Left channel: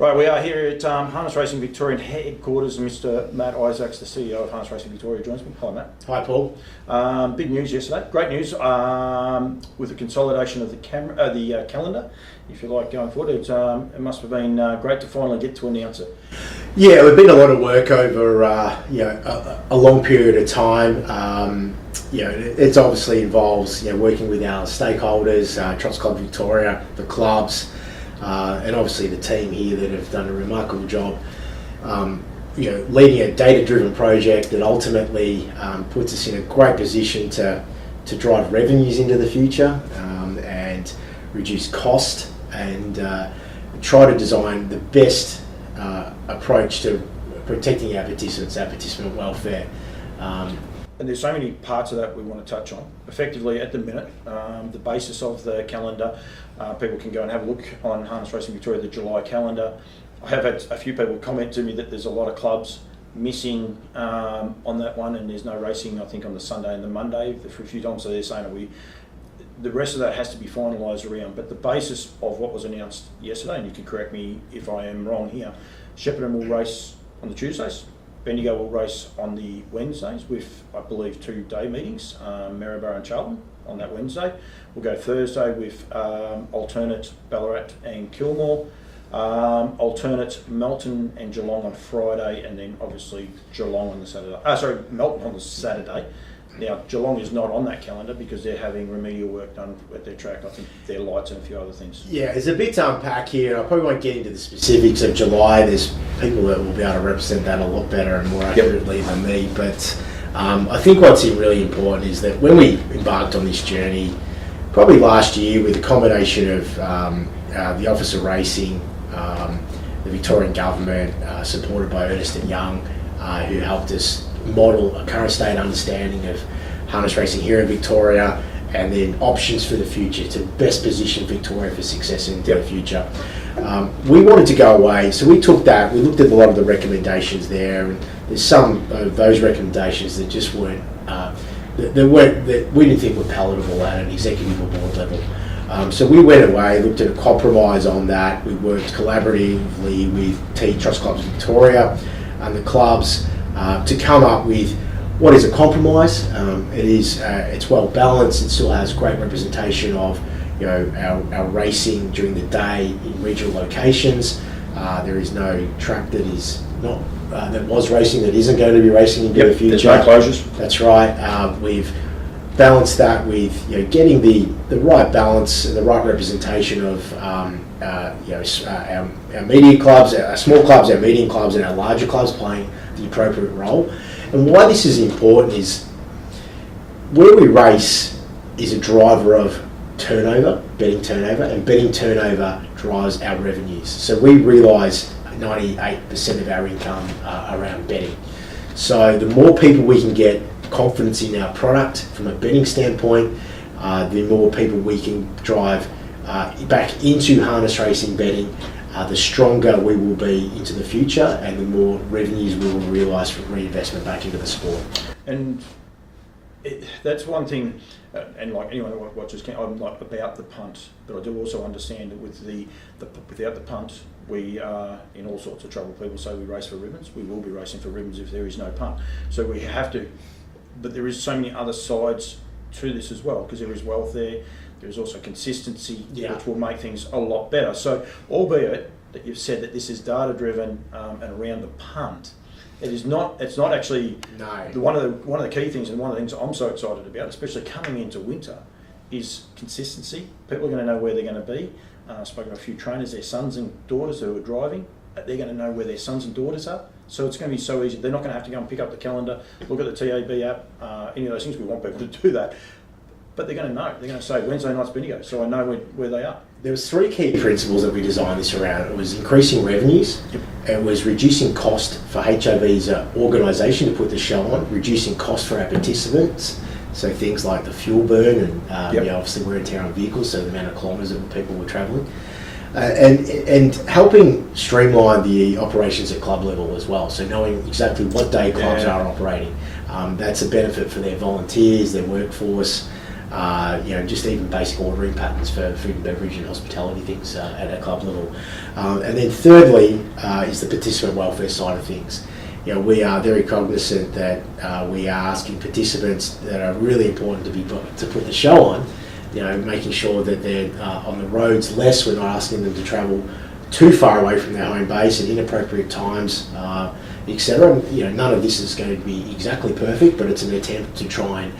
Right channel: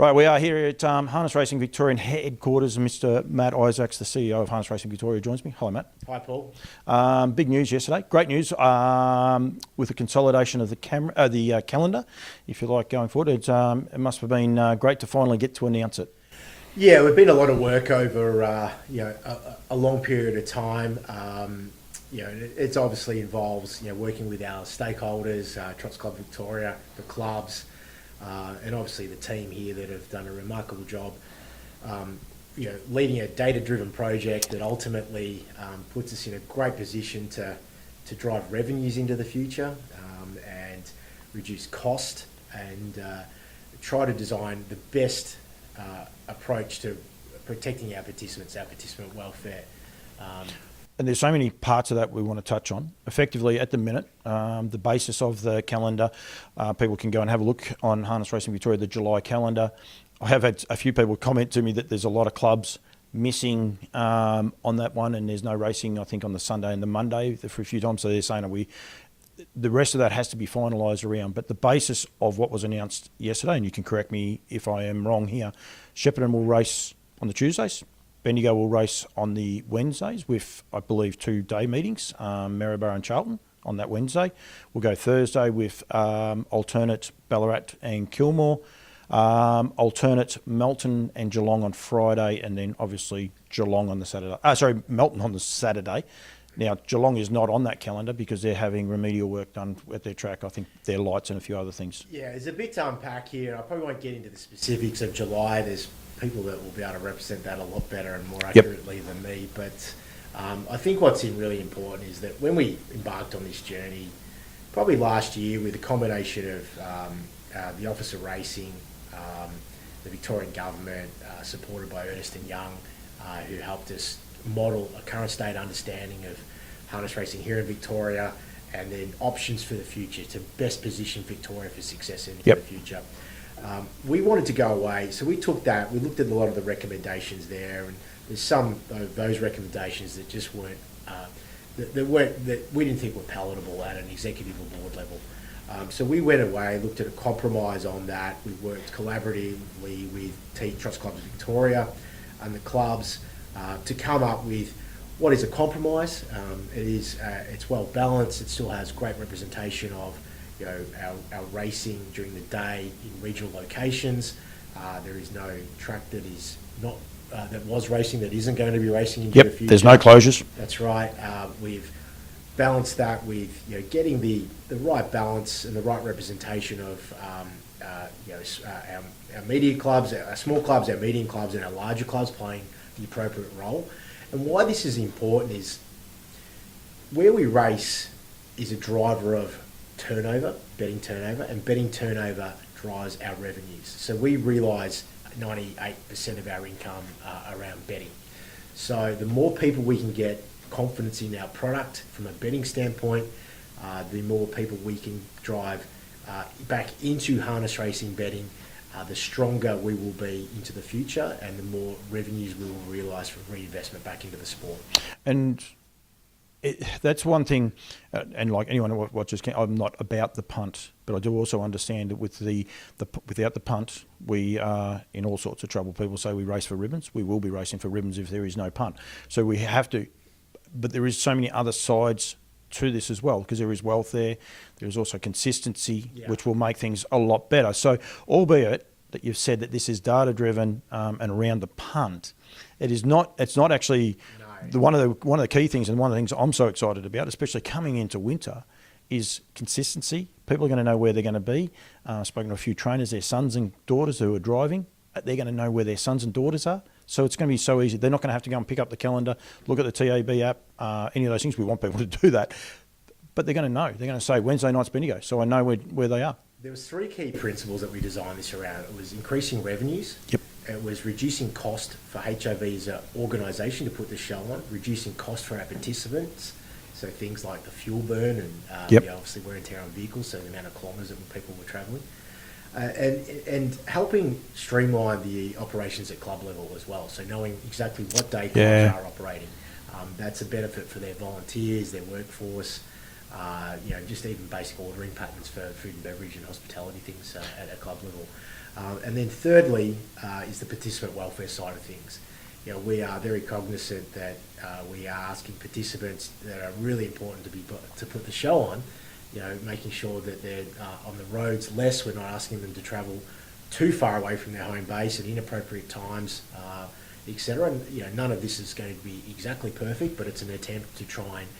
Right, we are here at Harness Racing Victorian headquarters. Mr. Matt Isaacs, the CEO of Harness Racing Victoria, joins me. Hi, Matt. Hi, Paul. Big news yesterday. Great news with the consolidation of the calendar, if you like, going forward. It must have been great to finally get to announce it. Yeah, we've been a lot of work over a long period of time. It obviously involves working with our stakeholders, Trots Club Victoria, the clubs, and obviously the team here that have done a remarkable job. Leading a data-driven project that ultimately puts us in a great position to drive revenues into the future and reduce cost and try to design the best approach to protecting our participant welfare. And there's so many parts of that we want to touch on. Effectively, at the minute, the basis of the calendar, people can go and have a look on Harness Racing Victoria, the July calendar. I have had a few people comment to me that there's a lot of clubs missing on that one, and there's no racing, I think, on the Sunday and the Monday for a few times. So they're saying the rest of that has to be finalised around. But the basis of what was announced yesterday, and you can correct me if I am wrong here, Shepparton will race on the Tuesdays. Bendigo will race on the Wednesdays with, I believe, 2 day meetings, Maryborough and Charlton on that Wednesday. We'll go Thursday with alternate Ballarat and Kilmore, alternate Melton and Geelong on Friday, and then obviously Geelong on the Saturday. Melton on the Saturday. Now, Geelong is not on that calendar because they're having remedial work done at their track. I think their lights and a few other things. Yeah, there's a bit to unpack here. I probably won't get into the specifics of July. There's people that will be able to represent that a lot better and more accurately than me. But I think what's really important is that when we embarked on this journey, probably last year, with a combination of the Office of Racing, the Victorian Government, supported by Ernst & Young, who helped us model a current state understanding of harness racing here in Victoria, and then options for the future to best position Victoria for success into the future. We wanted to go away, so we took that, we looked at a lot of the recommendations there, and there's some of those recommendations that just weren't, that we didn't think were palatable at an executive or board level. So we went away, looked at a compromise on that. We worked collaboratively with Trots Clubs Victoria and the clubs to come up with what is a compromise. It's well balanced. It still has great representation of our racing during the day in regional locations. There is no track that is not that was racing that isn't going to be racing into the future. There's no closures. That's right. We've balanced that with getting the right balance and the right representation of our medium clubs, our small clubs, our medium clubs, and our larger clubs playing the appropriate role. And why this is important is where we race is a driver of turnover, betting turnover, and betting turnover drives our revenues. So we realise 98% of our income around betting. So the more people we can get confidence in our product from a betting standpoint, the more people we can drive back into harness racing betting, the stronger we will be into the future, and the more revenues we will realise from reinvestment back into the sport. And that's one thing, and like anyone who watches, I'm not about the punt, but I do also understand that with without the punt, we are in all sorts of trouble. People say we race for ribbons. We will be racing for ribbons if there is no punt. So we have to, but there is so many other sides to this as well, because there is wealth there. There is also consistency, which will make things a lot better. So, albeit that you've said that this is data-driven and around the punt, it's not actually. No. One of the key things, and one of the things I'm so excited about, especially coming into winter, is consistency. People are going to know where they're going to be. I've spoken to a few trainers, their sons and daughters who are driving. They're going to know where their sons and daughters are. So it's going to be so easy. They're not going to have to go and pick up the calendar, look at the TAB app, any of those things. We want people to do that. But they're going to know. They're going to say, Wednesday night's Bendigo, so I know where they are. There was 3 key principles that we designed this around. It was increasing revenues. Yep. It was reducing cost for HRV as an organisation to put the show on, reducing cost for our participants, so things like the fuel burn and obviously wear and tear on vehicles, so the amount of kilometres that people were travelling. And helping streamline the operations at club level as well, so knowing exactly what day clubs are operating. That's a benefit for their volunteers, their workforce, just even basic ordering patterns for food and beverage and hospitality things at a club level. And then thirdly is the participant welfare side of things. We are very cognizant that we are asking participants that are really important to put the show on, making sure that they're on the roads less. We're not asking them to travel too far away from their home base at inappropriate times, etc. None of this is going to be exactly perfect, but it's an attempt to try and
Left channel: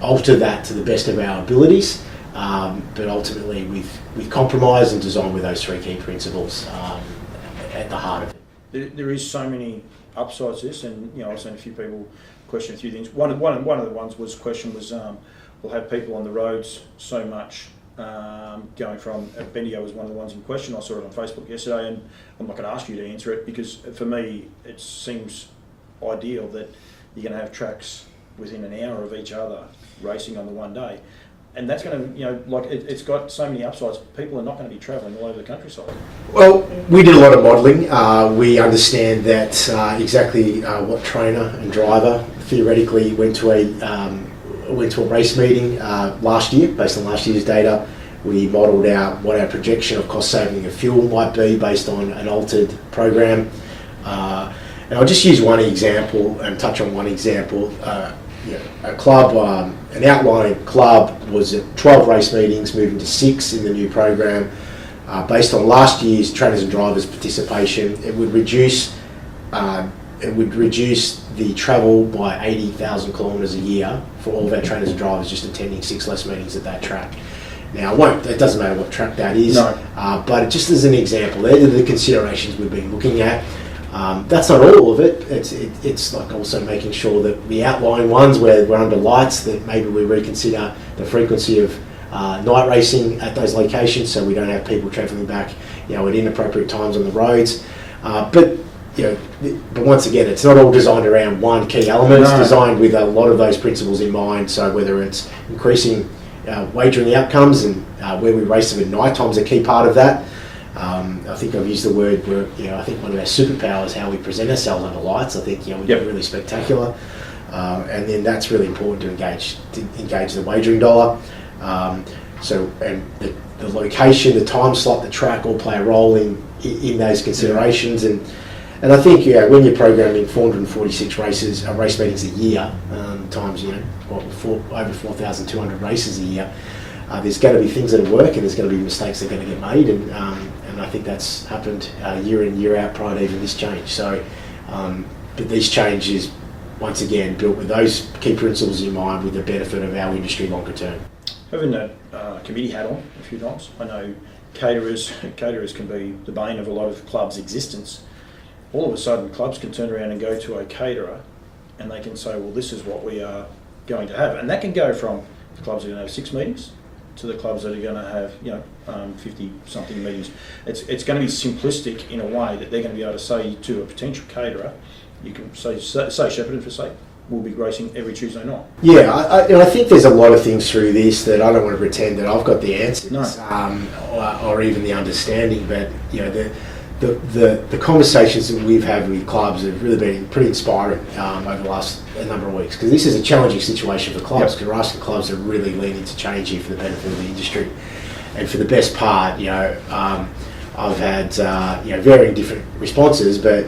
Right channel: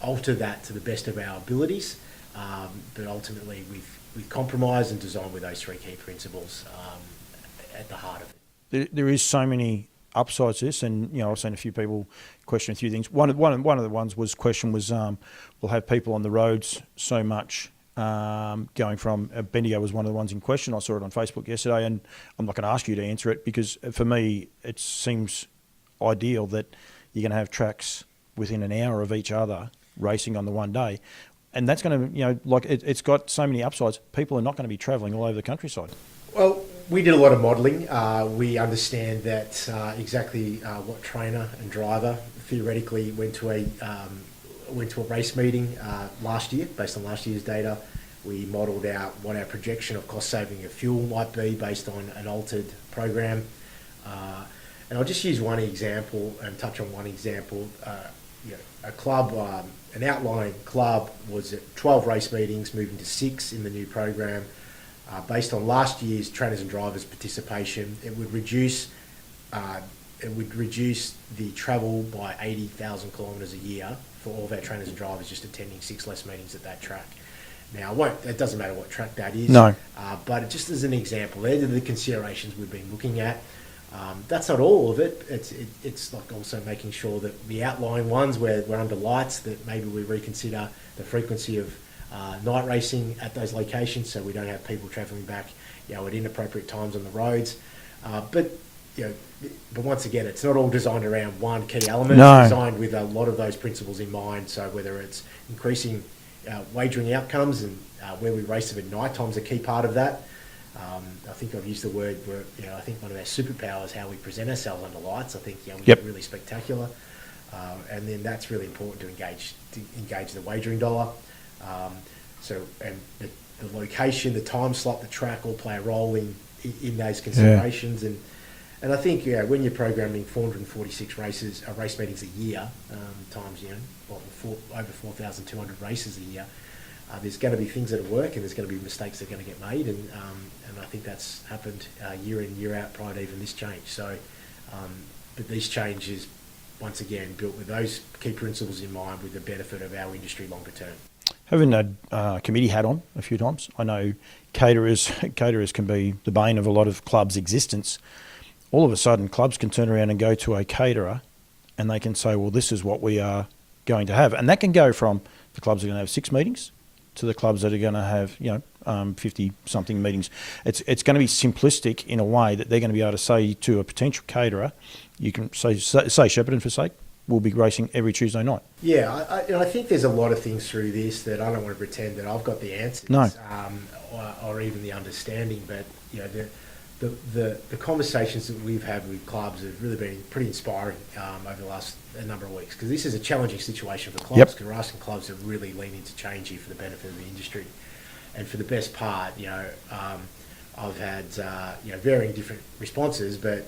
alter that to the best of our abilities, but ultimately with compromise and design with those three key principles at the heart of it. There is so many upsides to this, and I've seen a few people question a few things. One of the ones was we'll have people on the roads so much. Going from Bendigo was one of the ones in question. I saw it on Facebook yesterday, and I'm not going to ask you to answer it because for me it seems ideal that you're going to have tracks within an hour of each other racing on the one day, and that's going to it's got so many upsides. People are not going to be travelling all over the countryside. Well, we did a lot of modelling. We understand that exactly what trainer and driver theoretically went to a race meeting last year based on last year's data. We modelled out what our projection of cost saving of fuel might be based on an altered program. And I'll just use one example and touch on one example. A club, an outlying club was at 12 race meetings, moving to 6 in the new program. Based on last year's trainers and drivers participation, it would reduce the travel by 80,000 kilometres a year for all of our trainers and drivers just attending 6 less meetings at that track. Now, it doesn't matter what track that is, but just as an example, they're the considerations we've been looking at. That's not all of it. It's like also making sure that the outlying ones where we're under lights, that maybe we reconsider the frequency of night racing at those locations so we don't have people travelling back at inappropriate times on the roads. But once again, it's not all designed around one key element. It's designed with a lot of those principles in mind. So whether it's increasing wagering outcomes and where we race them at night time is a key part of that. I think I've used the word where I think one of our superpowers is how we present ourselves under lights. I think we're really spectacular, and then that's really important to engage the wagering dollar. And the location, the time slot, the track all play a role in those considerations. And I think when you're programming 446 race meetings a year, times over 4,200 races a year, there's going to be things that work and there's going to be mistakes that are going to get made, and I think that's happened year in, year out prior to even this change. So, but these changes, once again, built with those key principles in mind with the benefit of our industry longer term. Having a committee hat on a few times, I know caterers can be the bane of a lot of clubs' existence. All of a sudden, clubs can turn around and go to a caterer and they can say, well, this is what we are going to have. And that can go from the clubs that are going to have 6 meetings to the clubs that are going to have 50-something meetings. It's going to be simplistic in a way that they're going to be able to say to a potential caterer, you can say Shepparton for sake, we'll be racing every Tuesday night. Yeah, I think there's a lot of things through this that I don't want to pretend that I've got the answers or even the understanding, but the conversations that we've had with clubs have really been pretty inspiring over the last number of weeks, because this is a challenging situation for clubs, because we're asking clubs to really lean into change here for the benefit of the industry. And for the best part, I've had varying different responses, but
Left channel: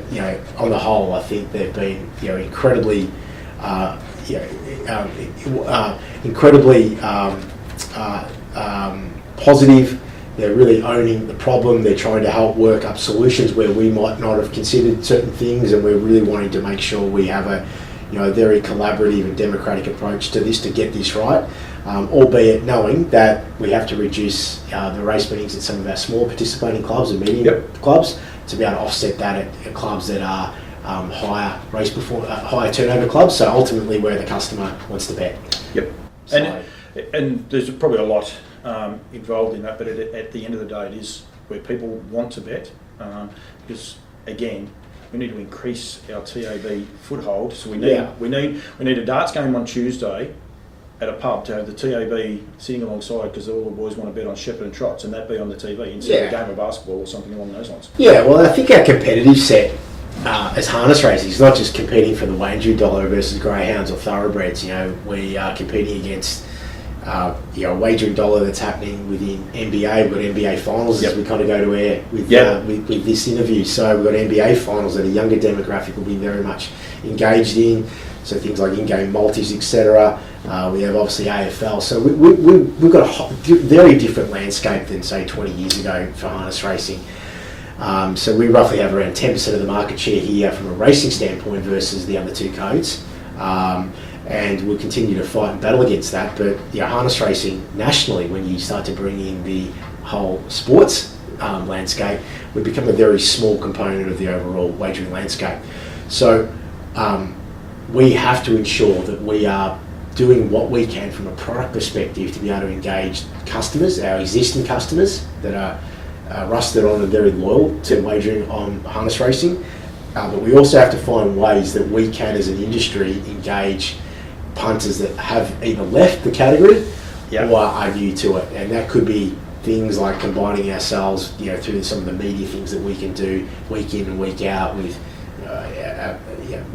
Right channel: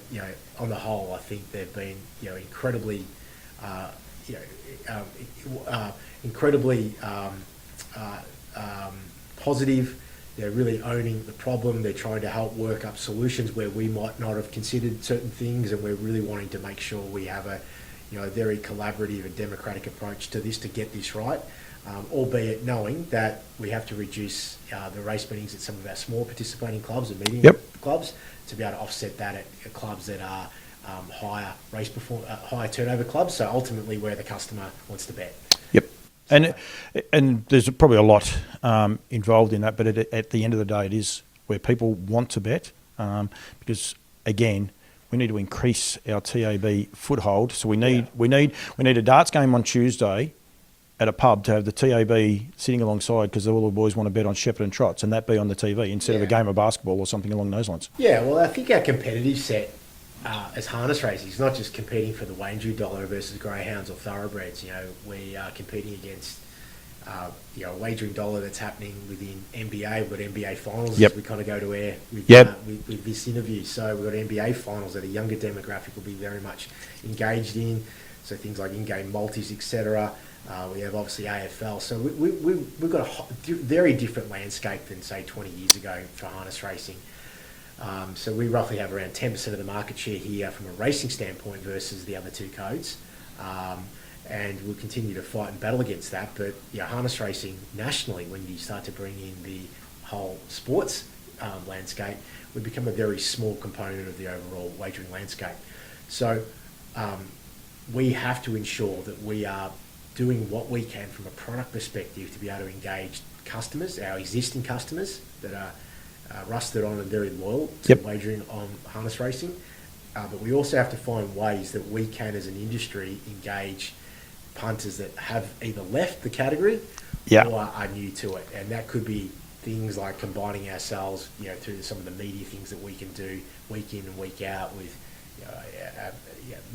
on the whole, I think they've been incredibly positive. They're really owning the problem. They're trying to help work up solutions where we might not have considered certain things, and we're really wanting to make sure we have a very collaborative and democratic approach to this to get this right. Albeit knowing that we have to reduce the race meetings at some of our small participating clubs and medium clubs to be able to offset that at clubs that are higher turnover clubs. So ultimately, where the customer wants to bet. Yep. So, and there's probably a lot involved in that, but at the end of the day, it is where people want to bet, because again, we need to increase our TAB foothold. So we need a darts game on Tuesday at a pub to have the TAB sitting alongside, because all the boys want to bet on Shepparton Trots, and that be on the TV instead of a game of basketball or something along those lines. Yeah, well, I think our competitive set as harness racing, it's not just competing for the wagering dollar versus greyhounds or thoroughbreds. We are competing against a wagering dollar that's happening within NBA. We've got NBA finals as we kind of go to air with this interview. So we've got NBA finals that a younger demographic will be very much engaged in. So things like in-game multis, etc. We have obviously AFL. So we've got a very different landscape than say 20 years ago for harness racing. So we roughly have around 10% of the market share here from a racing standpoint versus the other two codes. And we'll continue to fight and battle against that. But harness racing nationally, when you start to bring in the whole sports landscape, would become a very small component of the overall wagering landscape. So we have to ensure that we are doing what we can from a product perspective to be able to engage customers, our existing customers that are rusted on and very loyal to wagering on harness racing. But we also have to find ways that we can, as an industry, engage punters that have either left the category or are new to it. And that could be things like combining ourselves, through some of the media things that we can do week in and week out with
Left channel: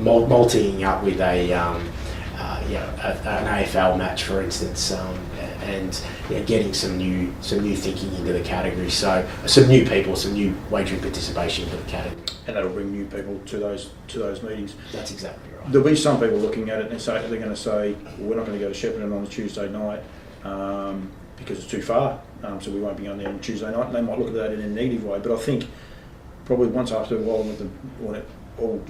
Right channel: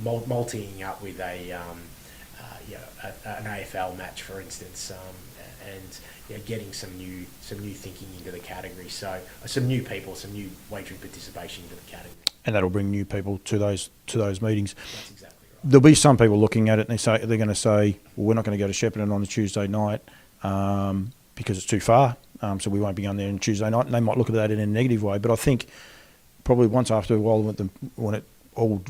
multiing up with an AFL match, for instance, and getting some new thinking into the category. So some new people, some new wagering participation into the category. And that'll bring new people to those meetings. That's exactly right. There'll be some people looking at it and they're going to say, well, we're not going to go to Shepparton on a Tuesday night because it's too far, so we won't be going there on Tuesday night. And they might look at that in a negative way, but I think probably once after a while, when it all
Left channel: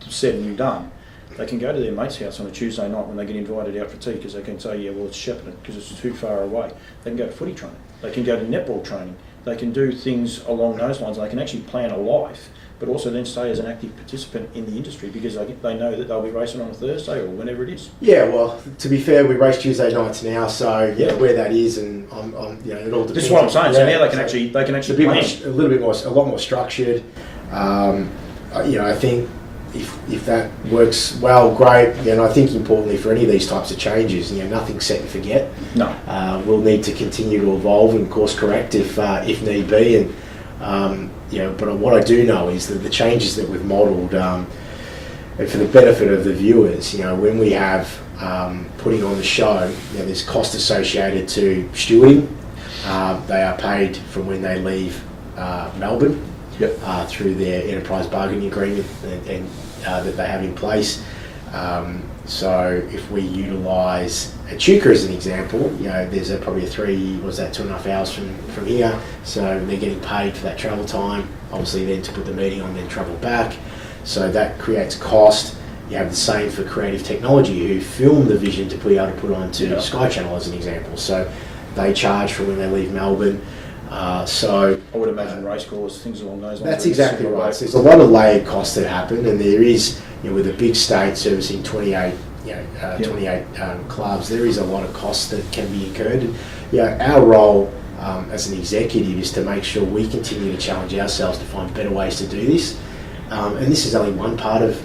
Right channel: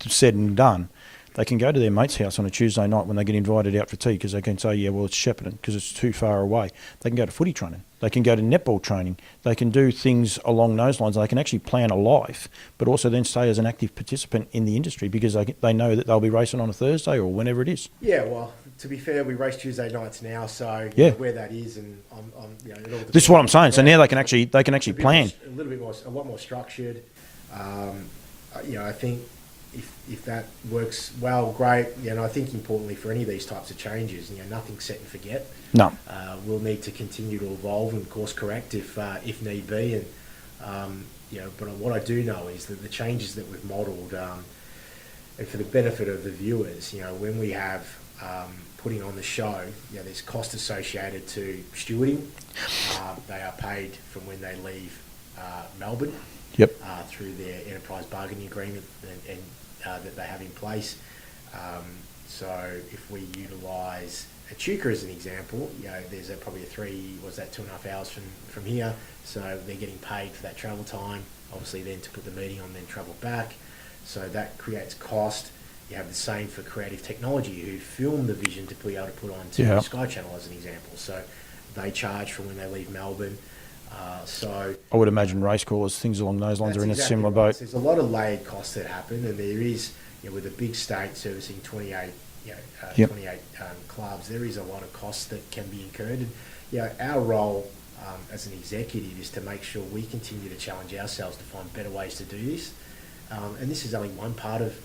said and done, they can go to their mate's house on a Tuesday night when they get invited out for tea, because they can say, it's Shepparton because it's too far away. They can go to footy training. They can go to netball training. They can do things along those lines. They can actually plan a life, but also then stay as an active participant in the industry because they know that they'll be racing on a Thursday or whenever it is. Yeah, well, to be fair, we race Tuesday nights now, so where that is, and it all depends. This is what I'm saying. So now they can actually plan. A lot more structured. I think if that works well, great. And I think importantly for any of these types of changes, nothing's set and forget. No. We'll need to continue to evolve and course correct if need be. And but what I do know is that the changes that we've modelled, and for the benefit of the viewers, when we have putting on the show, there's cost associated to stewarding. They are paid from when they leave Melbourne. Through their enterprise bargaining agreement and that they have in place. So if we utilise Echuca as an example, there's probably 2.5 hours from here, so they're getting paid for that travel time, obviously then to put the meeting on, then travel back. So that creates cost. You have the same for Creative Technology, who film the vision to be able to put onto Sky Channel as an example. So they charge for when they leave Melbourne. So I would imagine race course, things along those lines. That's exactly right. So there's a lot of layered costs that happen, and there is, with a big state servicing 28 clubs, there is a lot of costs that can be incurred. And, our role as an executive is to make sure we continue to challenge ourselves to find better ways to do this. And this is only one part of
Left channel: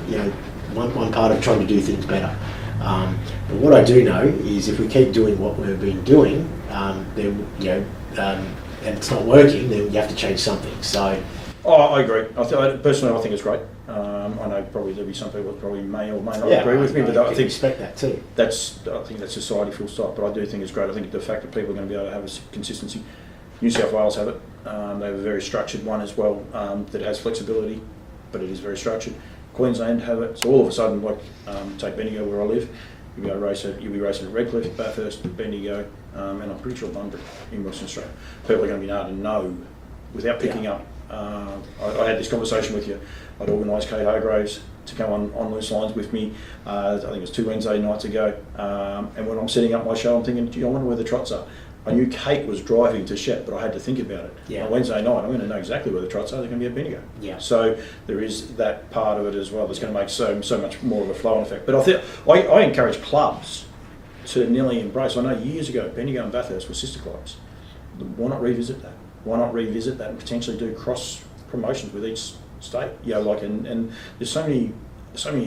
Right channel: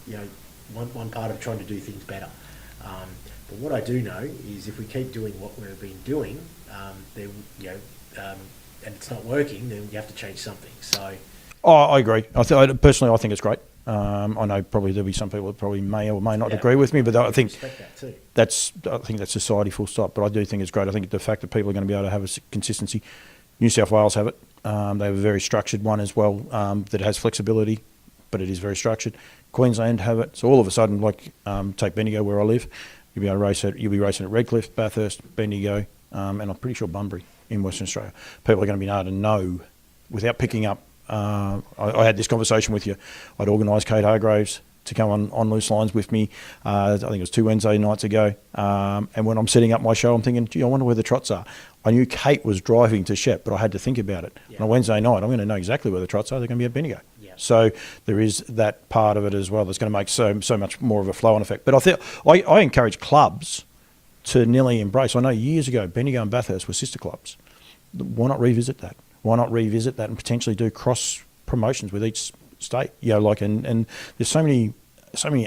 one part of trying to do things better. But what I do know is if we keep doing what we've been doing, then and it's not working, then you have to change something. So, I agree. Personally, I think it's great. I know probably there'll be some people that probably may or may not agree with me, but I think respect that too. I think that's society full stop. But I do think it's great. I think the fact that people are going to be able to have a consistency. New South Wales have it. They have a very structured one as well that has flexibility, but it is very structured. Queensland have it. So all of a sudden, take Bendigo where I live, you'll be racing at Redcliffe, Bathurst, Bendigo. And I'm pretty sure Bunbury in Western Australia. People are going to be able to know without picking up. I had this conversation with you. I'd organised Kate Hargraves to come on Loose Lines with me. I think it was 2 Wednesday nights ago. And when I'm setting up my show, I'm thinking, gee, I wonder where the trots are. I knew Kate was driving to Shep, but I had to think about it. On a Wednesday night, I'm going to know exactly where the trots are. They're going to be at Bendigo. So there is that part of it as well that's going to make so much more of a flow-on effect. But I encourage clubs to nearly embrace. I know years ago, Bendigo and Bathurst were sister clubs. Why not revisit that? Why not revisit that and potentially do cross promotions with each state? And there's so many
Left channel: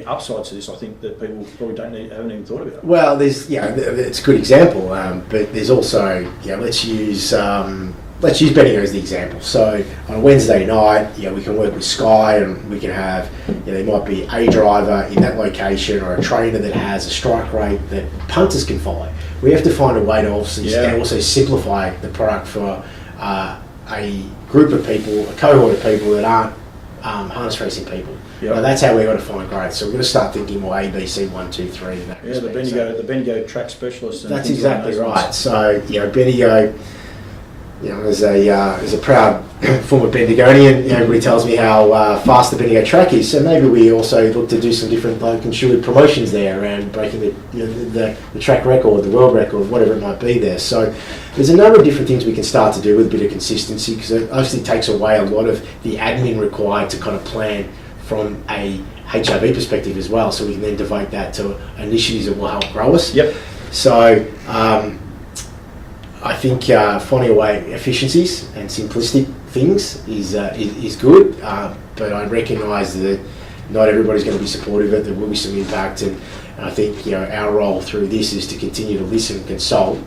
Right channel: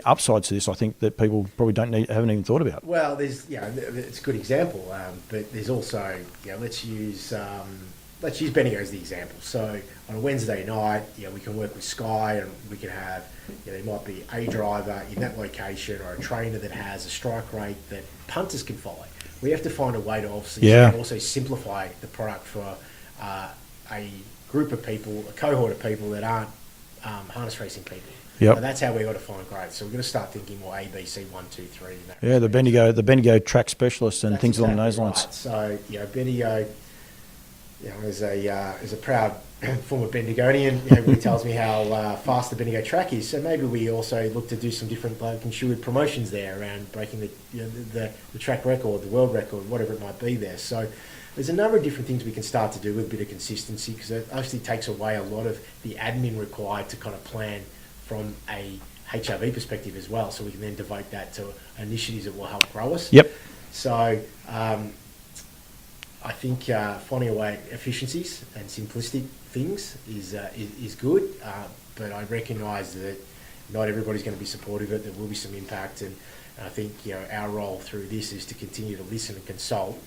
upsides to this. I think that people probably haven't even thought about. Well, it's a good example, but there's also let's use let's use Bendigo as the example. So on a Wednesday night, we can work with Sky, and we can have, there might be a driver in that location or a trainer that has a strike rate that punters can follow. We have to find a way to also simplify the product for a group of people, a cohort of people that aren't harness racing people. Yep. Now that's how we're going to find growth. So we're going to start thinking more A, B, C, 1, 2, 3. In that the Bendigo track specialists and things exactly like those right. ones. So Bendigo, as a proud former Bendigonian, everybody tells me how fast the Bendigo track is. So maybe we also look to do some different consumer promotions there around breaking the track record, the world record, whatever it might be there. So there's a number of different things we can start to do with a bit of consistency, because it obviously takes away a lot of the admin required to kind of plan from a HRV perspective as well. So we can then devote that to initiatives that will help grow us. Yep. So I think finding a way efficiencies and simplistic things is good, but I recognise that not everybody's going to be supportive of it. There will be some impact, and I think our role through this is to continue to listen and consult.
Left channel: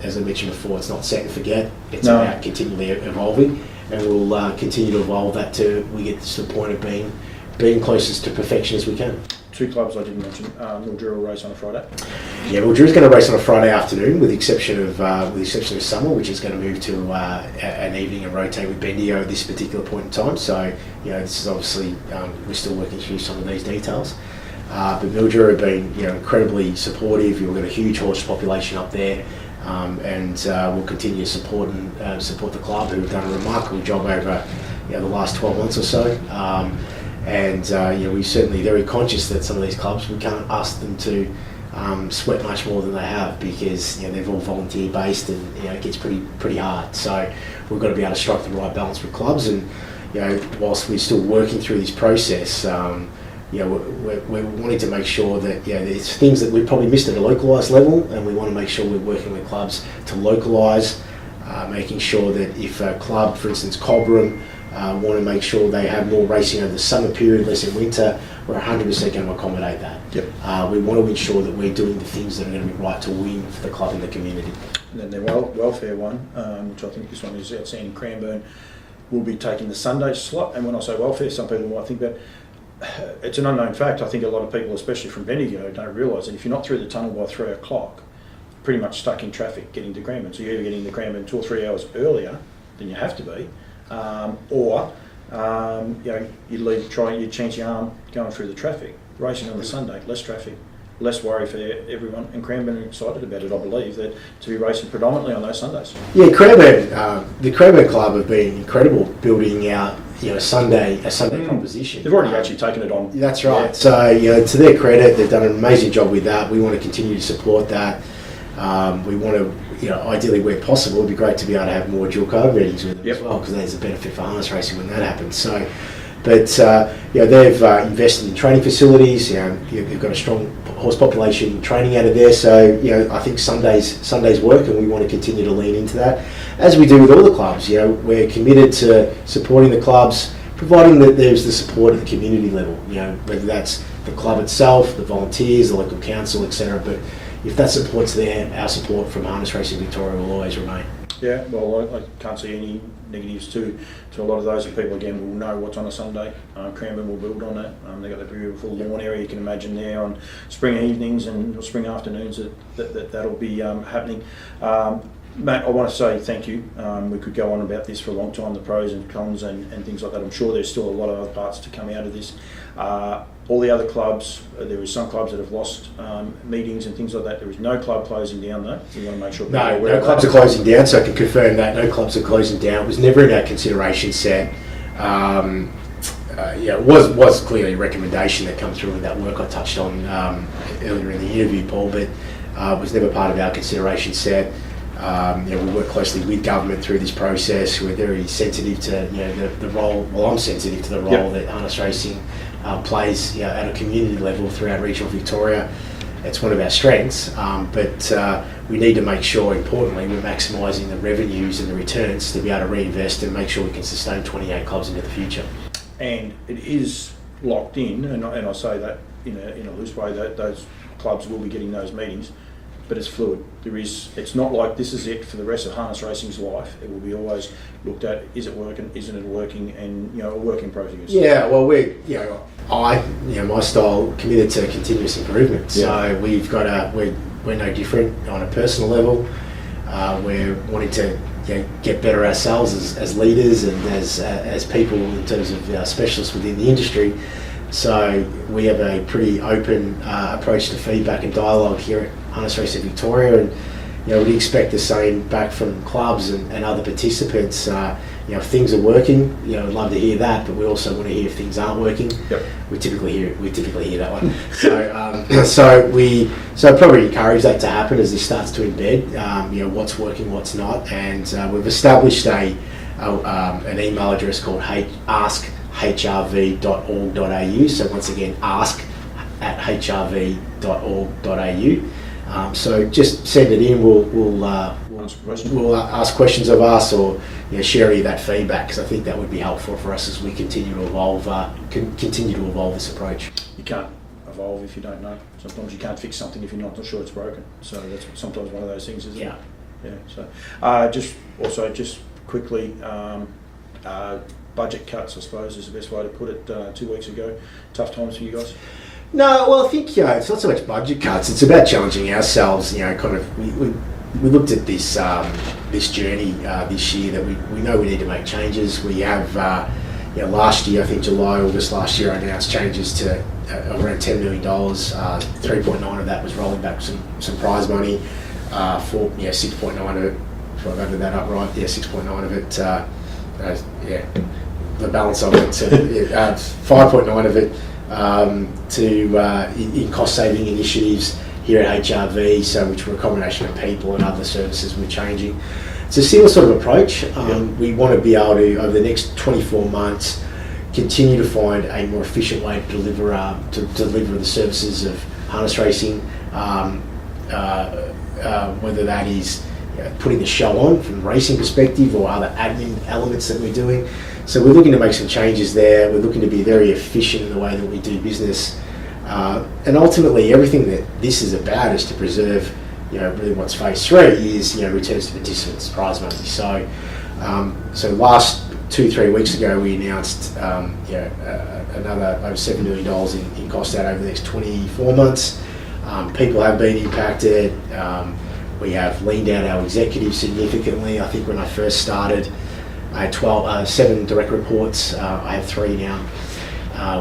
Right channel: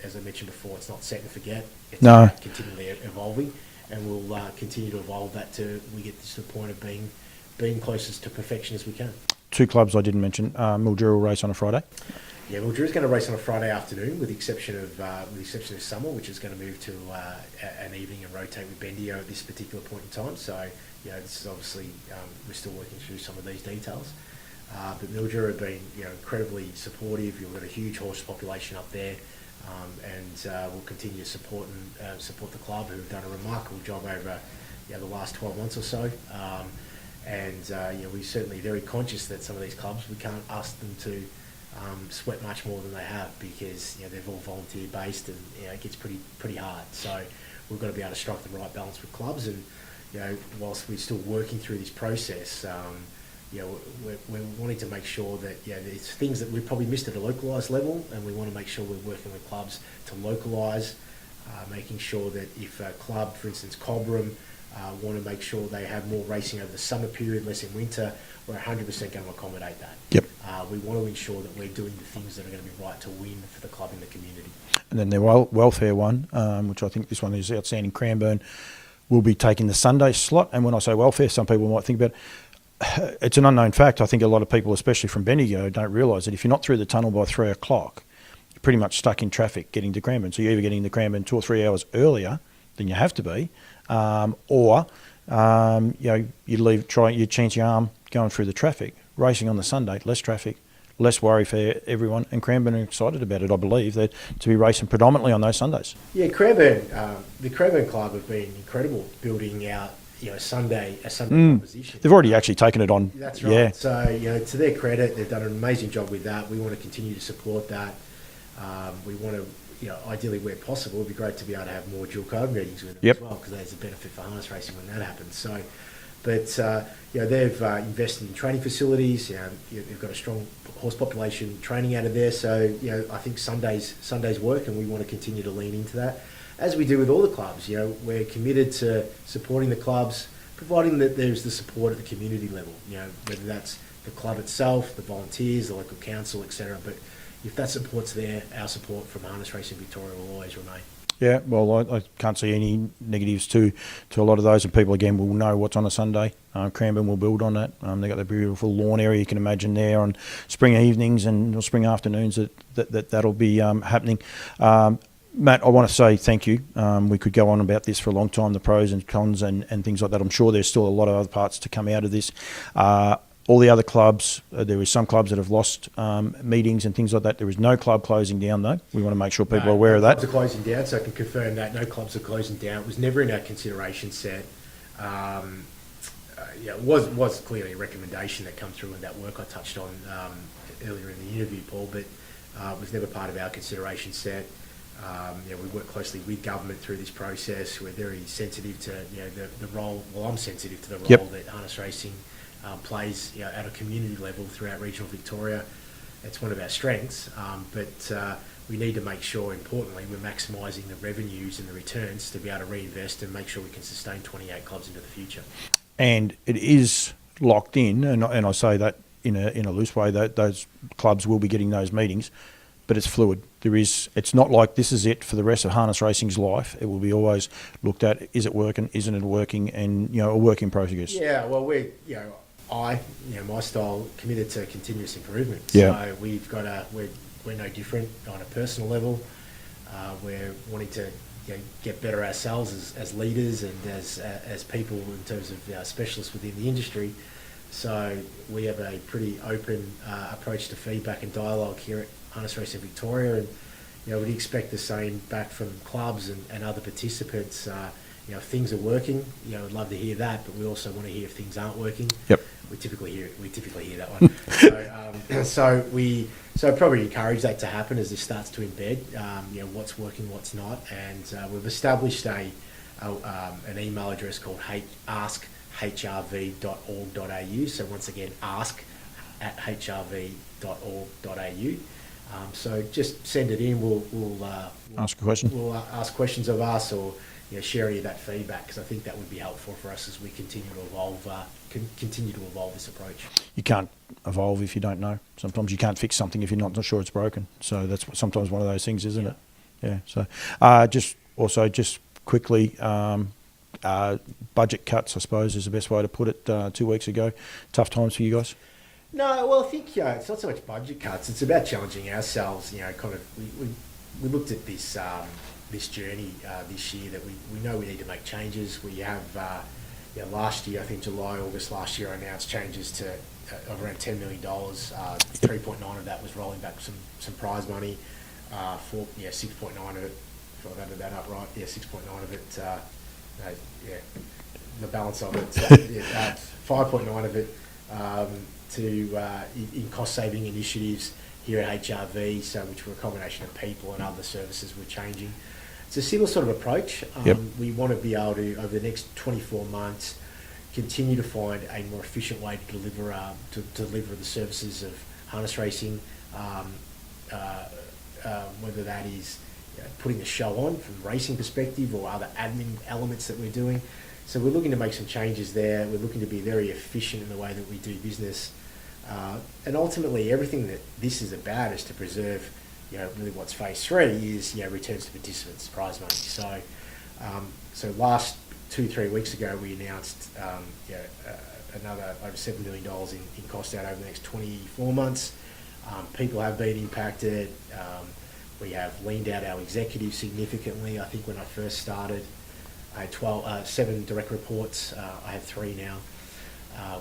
As I mentioned before, it's not set and forget. It's about continually evolving, and we'll continue to evolve that till we get to the point of being closest to perfection as we can. 2 clubs I didn't mention. Mildura will race on a Friday. Yeah, Mildura's going to race on a Friday afternoon, with the exception of summer, which is going to move to an evening and rotate with Bendigo at this particular point in time. So this is obviously we're still working through some of these details. But Mildura have been incredibly supportive. We've got a huge horse population up there, and we'll continue to support the club, who have done a remarkable job over the last 12 months or so. We're certainly very conscious that some of these clubs, we can't ask them to sweat much more than they have, because they're all volunteer based, and it gets pretty hard. So we've got to be able to strike the right balance with clubs, and whilst we're still working through this process, we're wanting to make sure that there's things that we've probably missed at a localised level, and we want to make sure we're working with clubs to localise, making sure that if a club, for instance Cobram, want to make sure they have more racing over the summer period, less in winter, we're 100% going to accommodate that. Yep. We want to ensure that we're doing the things that are going to be right to win for the club and the community. And then the welfare one, which I think this one is outstanding, Cranbourne, will be taking the Sunday slot. And when I say welfare, some people might think, but it's an unknown fact. I think a lot of people, especially from Bendigo, don't realise that if you're not through the tunnel by 3 o'clock, you're pretty much stuck in traffic getting to Cranbourne. So you're either getting to Cranbourne 2 or 3 hours earlier than you have to be, or you chance your arm going through the traffic. Racing on the Sunday, less traffic, less worry for everyone, and Cranbourne are excited about it, I believe, that to be racing predominantly on those Sundays. Yeah, Cranbourne, the Cranbourne Club have been incredible building out a Sunday proposition. They've already actually taken it on. That's right. Yeah. So to their credit, they've done an amazing job with that. We want to continue to support that. We want to, ideally where possible, it'd be great to be able to have more dual code ratings with them as well, because there's a benefit for harness racing when that happens. So, but they've invested in training facilities. You've got a strong horse population training out of there. So I think Sundays work, and we want to continue to lean into that, as we do with all the clubs. We're committed to supporting the clubs, providing that there's the support at the community level. Whether that's the club itself, the volunteers, the local council, etc. But if that support's there, our support from Harness Racing Victoria will always remain. Yeah, well, I can't see any negatives to a lot of those, and people again will know what's on a Sunday. Cranbourne will build on that. They've got the beautiful lawn area you can imagine there on spring evenings and spring afternoons that'll be happening. Matt, I want to say thank you. We could go on about this for a long time, the pros and cons and things like that. I'm sure there's still a lot of other parts to come out of this. All the other clubs, there is some clubs that have lost meetings and things like that. There is no club closing down though. We want to make sure people are aware of that. No clubs are closing down, so I can confirm that. No clubs are closing down. It was never in our consideration set. It was clearly a recommendation that comes through with that work I touched on earlier in the interview, Paul, but it was never part of our consideration set. We work closely with government through this process. We're very sensitive to the role. Well, I'm sensitive to the role that harness racing plays at a community level throughout regional Victoria. It's one of our strengths, but we need to make sure, importantly, we're maximising the revenues and the returns to be able to reinvest and make sure we can sustain 28 clubs into the future. And it is locked in, and I say that in a loose way, that those clubs will be getting those meetings but it's fluid. It's not like this is it for the rest of harness racing's life. It will be always looked at, is it working, isn't it working, and a work in progress. Yeah, well, my style committed to continuous improvement. Yeah. So we're no different on a personal level. We're wanting to get better ourselves as leaders and as people in terms of specialists within the industry. So we have a pretty open approach to feedback and dialogue here at Harness Racing Victoria, and we'd expect the same back from clubs and other participants. If things are working, I'd love to hear that, but we also want to hear if things aren't working. Yep. We typically hear that one. So I'd probably encourage that to happen as this starts to embed, what's working, what's not, and we've established an email address called ask@hrv.org.au. So once again, ask@hrv.org.au. So just send it in. We'll Ask a question. We'll ask questions of us, or share any of that feedback, because I think that would be helpful for us as we continue to evolve. Continue to evolve this approach. You can't evolve if you don't know. Sometimes you can't fix something if you're not sure it's broken. So that's sometimes one of those things, isn't it? Yeah. So just quickly, budget cuts, I suppose, is the best way to put it. 2 weeks ago, tough times for you guys. No, well, I think it's not so much budget cuts. It's about challenging ourselves. We looked at this this journey this year that we know we need to make changes. We have last year, I think August last year, I announced changes to around $10 million. 3.9 of that was rolling back some prize money. 6.9 of it. If I've added that up right, 6.9 of it. The balance of it. 5.9 of it in cost saving initiatives here at HRV, which were a combination of people and other services we're changing. It's a similar sort of approach. We want to be able to, over the next 24 months, continue to find a more efficient way to deliver the services of harness racing, whether that is putting the show on from a racing perspective or other admin elements that we're doing. So we're looking to make some changes there. We're looking to be very efficient in the way that we do business. And ultimately, everything that this is about is to preserve, really what's phase 3 is, returns to participants, prize money. So last 2-3 weeks ago, we announced, another over $7 million in cost out over the next 24 months. People have been impacted. We have leaned out our executives significantly. I think when I first started, I had 7 direct reports. I have 3 now.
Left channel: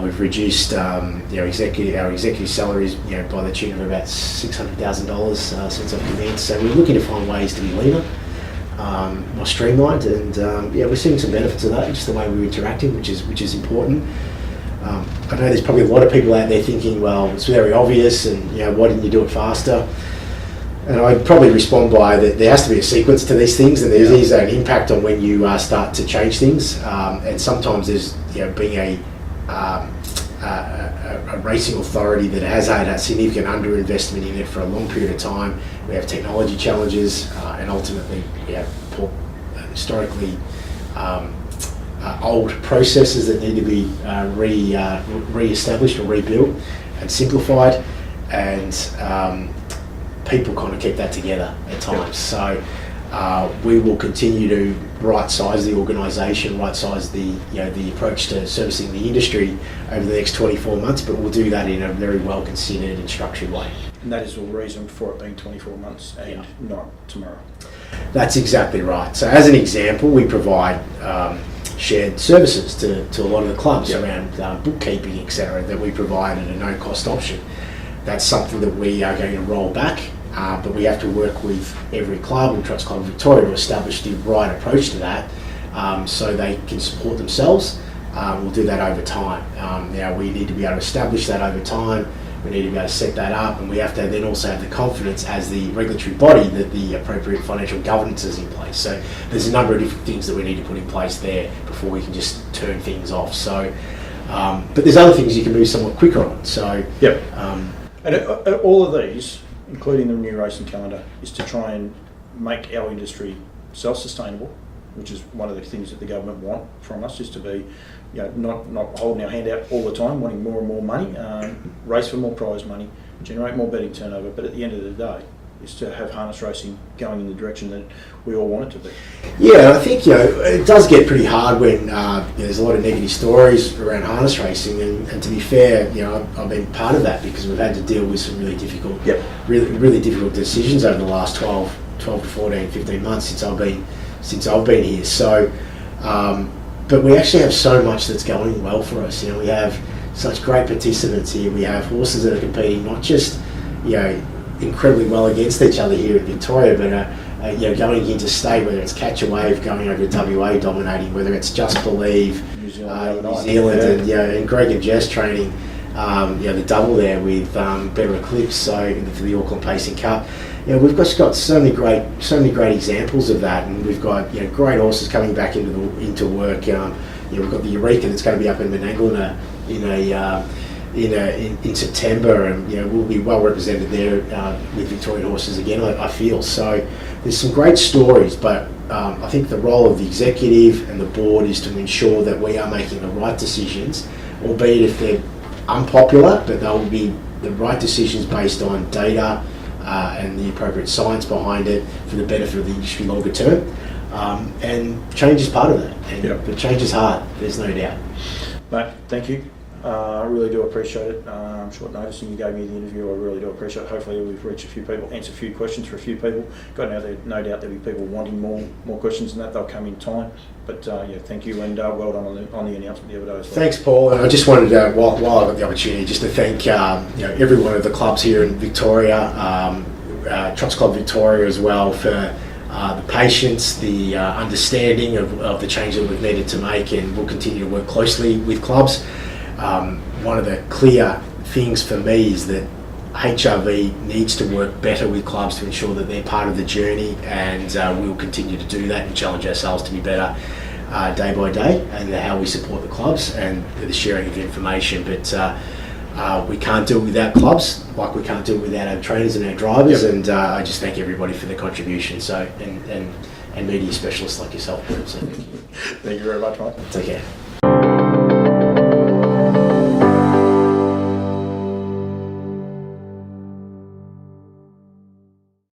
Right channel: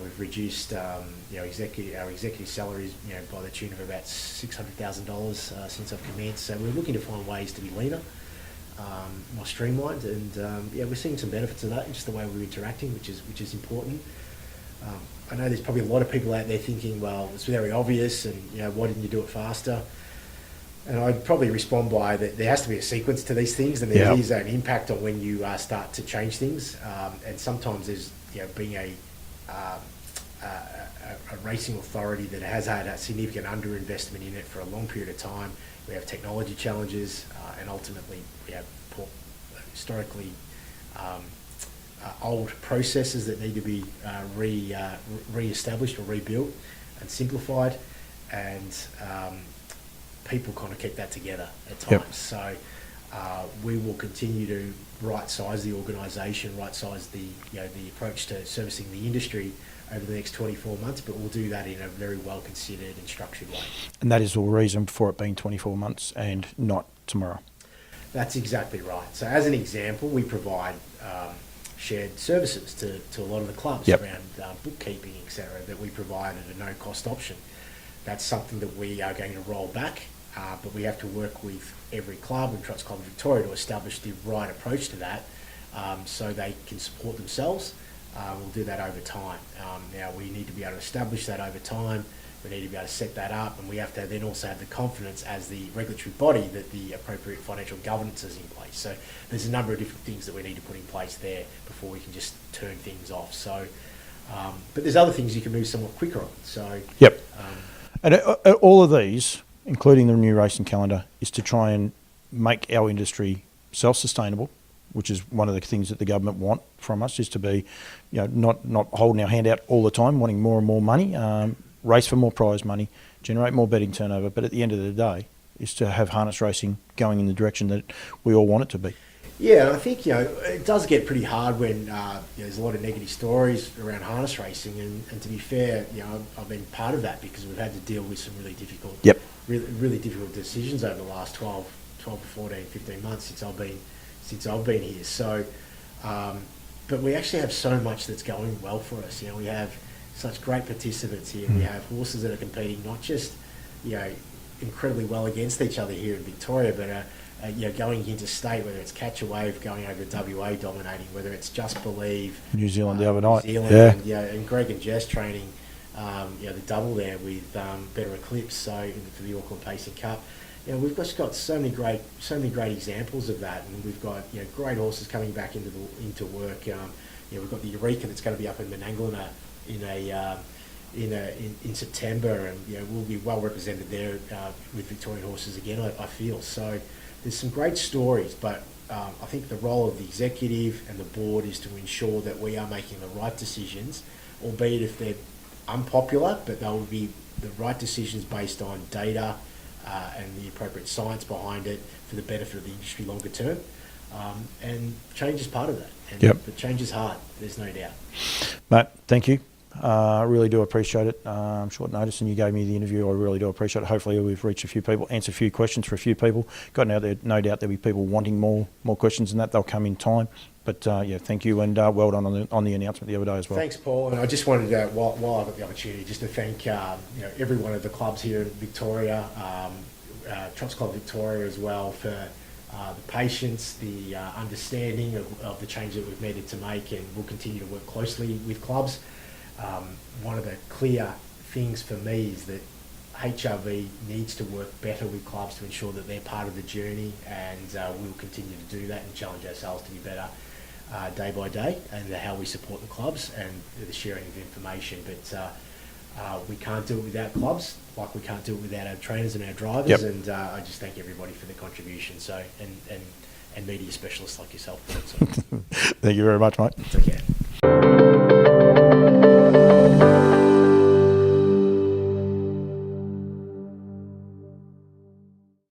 We've reduced our executive salaries, by the tune of about $600,000 since I've come in. So we're looking to find ways to be leaner, more streamlined, and we're seeing some benefits of that, just the way we're interacting, which is important. I know there's probably a lot of people out there thinking, well, it's very obvious, and why didn't you do it faster? And I'd probably respond by that there has to be a sequence to these things, and there is an impact on when you start to change things. And sometimes there's being a racing authority that has had a significant underinvestment in it for a long period of time. We have technology challenges, and ultimately we have historically old processes that need to be re-established or rebuilt and simplified, and people kind of keep that together at times. So we will continue to right-size the organisation, right-size the approach to servicing the industry over the next 24 months, but we'll do that in a very well-considered and structured way. And that is the reason for it being 24 months and not tomorrow. That's exactly right. So as an example, we provide shared services to a lot of the clubs around bookkeeping, etc., that we provide at a no-cost option. That's something that we are going to roll back. But we have to work with every club and Trots Club Victoria to establish the right approach to that, so they can support themselves. We'll do that over time. We need to be able to establish that over time. We need to be able to set that up, and we have to then also have the confidence as the regulatory body that the appropriate financial governance is in place. So there's a number of different things that we need to put in place there before we can just turn things off. So, but there's other things you can move somewhat quicker on. So, and all of these, including the new racing calendar, is to try and make our industry self-sustainable, which is one of the things that the government want from us, is to be, not holding our hand out all the time, wanting more and more money, race for more prize money, generate more betting turnover. But at the end of the day, is to have harness racing going in the direction that we all want it to be. Yeah, I think it does get pretty hard when there's a lot of negative stories around harness racing, and to be fair, I've been part of that because we've had to deal with some really difficult, really difficult decisions over the last 12 to 14, 15 months since I've been here. So, but we actually have so much that's going well for us. We have such great participants here. We have horses that are competing not just incredibly well against each other here in Victoria, but going interstate, whether it's Catch a Wave going over to WA dominating, whether it's Just Believe, New Zealand the other night. New Zealand, and Greg and Jess training, the double there with Better Eclipse, so for the Auckland Pacing Cup. We've just got so many great examples of that, and we've got great horses coming back into work. We've got the Eureka that's going to be up in Menangle in September, and we'll be well represented there with Victorian horses again. I feel so. There's some great stories, but I think the role of the executive and the board is to ensure that we are making the right decisions, albeit if they're unpopular, but they'll be the right decisions based on data and the appropriate science behind it for the benefit of the industry longer term. And change is part of that. But change is hard, there's no doubt. Matt, thank you. I really do appreciate it. Short notice, and you gave me the interview. I really do appreciate it. Hopefully we've reached a few people, answered a few questions for a few people. Got no doubt there'll be people wanting more questions than that. They'll come in time. But thank you, and well done on the announcement the other day as well. Thanks, Paul. And I just wanted to, while I got the opportunity, just to thank every one of the clubs here in Victoria, Trots Club Victoria as well, for the patience, the understanding of the change that we've needed to make, and we'll continue to work closely with clubs. One of the clear things for me is that HRV needs to work better with clubs to ensure that they're part of the journey, and we'll continue to do that and challenge ourselves to be better day by day, and how we support the clubs and the sharing of information. But we can't do it without clubs, like we can't do it without our trainers and our drivers. And I just thank everybody for their contribution. So and media specialists like yourself. So. Thank you very much, mate. Take care.